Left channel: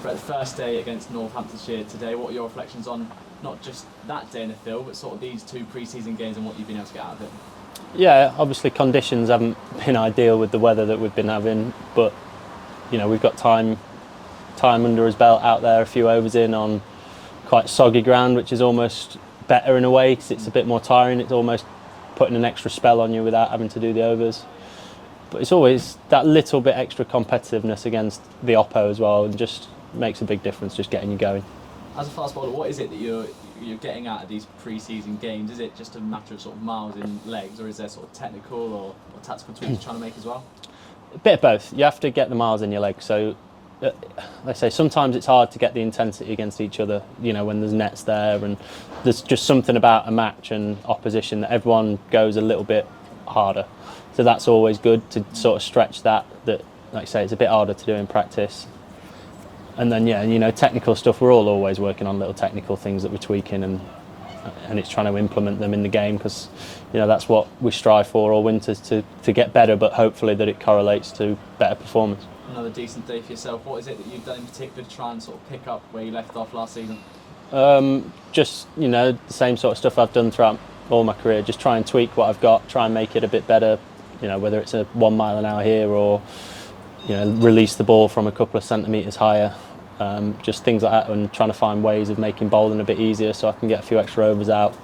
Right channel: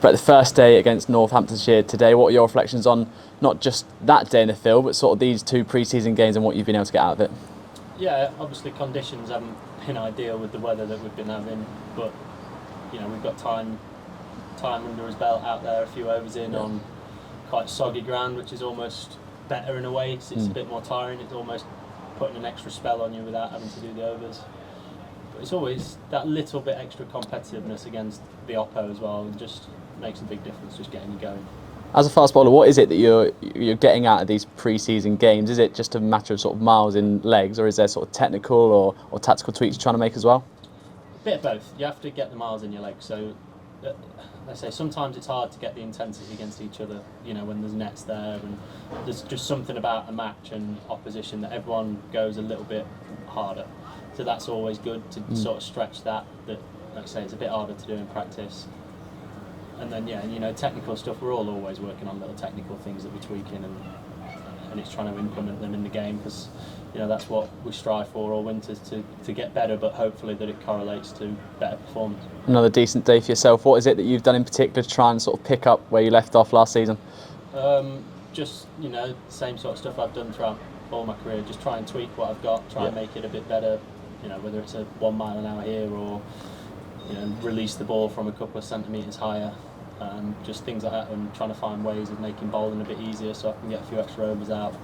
But the first day against Northamptonshire today, what are your reflections on not just that day in the field, but sort of these two pre-season games and what you've been able to get out of it? Yeah, obviously conditions haven't been ideal with the weather that we've been having, but we've got time under his belt out there, a few overs in on quite soggy ground, which is almost better in a way because it's a bit more tiring. It's almost putting an extra spell on you without having to do the overs. But it's always that little bit extra competitiveness against the oppo as well, and just makes a big difference, just getting you going. As a fast bowler, what is it that you're getting out of these pre-season games? Is it just a matter of sort of miles in legs, or is there sort of technical or tactical tweaks you're trying to make as well? A bit of both. You have to get the miles in your legs. So, I say sometimes it's hard to get the intensity against each other. When there's nets there, and there's just something about a match and opposition that everyone goes a little bit harder. So that's always good to sort of stretch that. Like I say, it's a bit harder to do in practice. And then technical stuff. We're all always working on little technical things that we're tweaking, and it's trying to implement them in the game because that's what we strive for all winter, to get better, but hopefully that it correlates to better performance. Another decent day for yourself. What is it that you've done in particular to try and sort of pick up where you left off last season? Just the same sort of stuff I've done throughout all my career. Just try and tweak what I've got, try and make it a bit better. Whether it's a 1 mile an hour here or release the ball from a couple of centimetres higher. Just things like that, and trying to find ways of making bowling a bit easier so I can get a few extra overs out,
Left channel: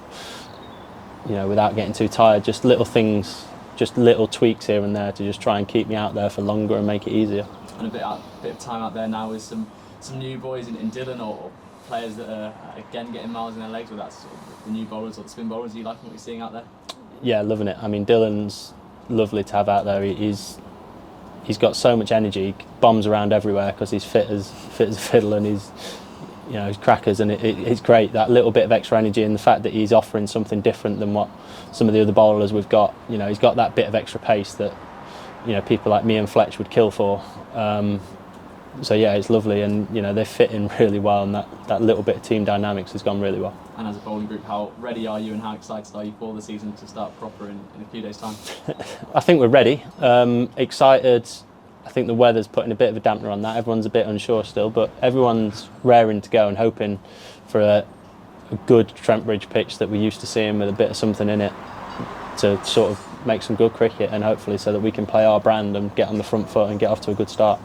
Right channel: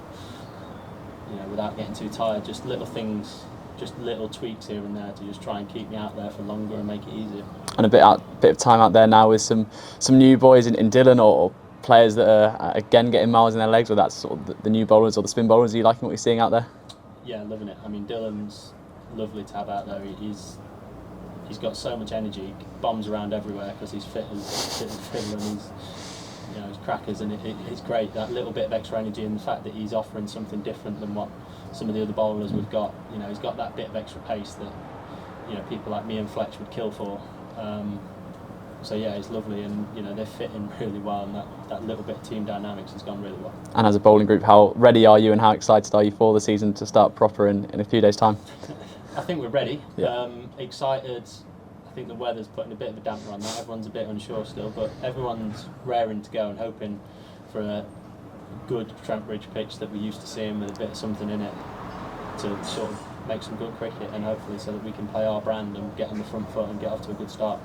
without getting too tired. Just little things, just little tweaks here and there to just try and keep me out there for longer and make it easier. And a bit of time out there now with some new boys in Dillon, or players that are again getting miles in their legs, or that's sort of the new bowlers or the spin bowlers. Are you liking what you're seeing out there? Yeah, loving it. I mean, Dillon's lovely to have out there. He's got so much energy, bombs around everywhere because he's fit as a fiddle, and he's crackers, and it's great, that little bit of extra energy, and the fact that he's offering something different than what some of the other bowlers we've got. He's got that bit of extra pace that people like me and Fletch would kill for. So yeah, it's lovely, and they fit in really well, and that little bit of team dynamics has gone really well. And as a bowling group, how ready are you and how excited are you for the season to start proper in a few days' time? I think we're ready. Excited. I think the weather's putting a bit of a dampener on that. Everyone's a bit unsure still, but everyone's raring to go and hoping for a good Trent Bridge pitch that we're used to seeing, with a bit of something in it to sort of make some good cricket, and hopefully so that we can play our brand and get on the front foot and get off to a good start.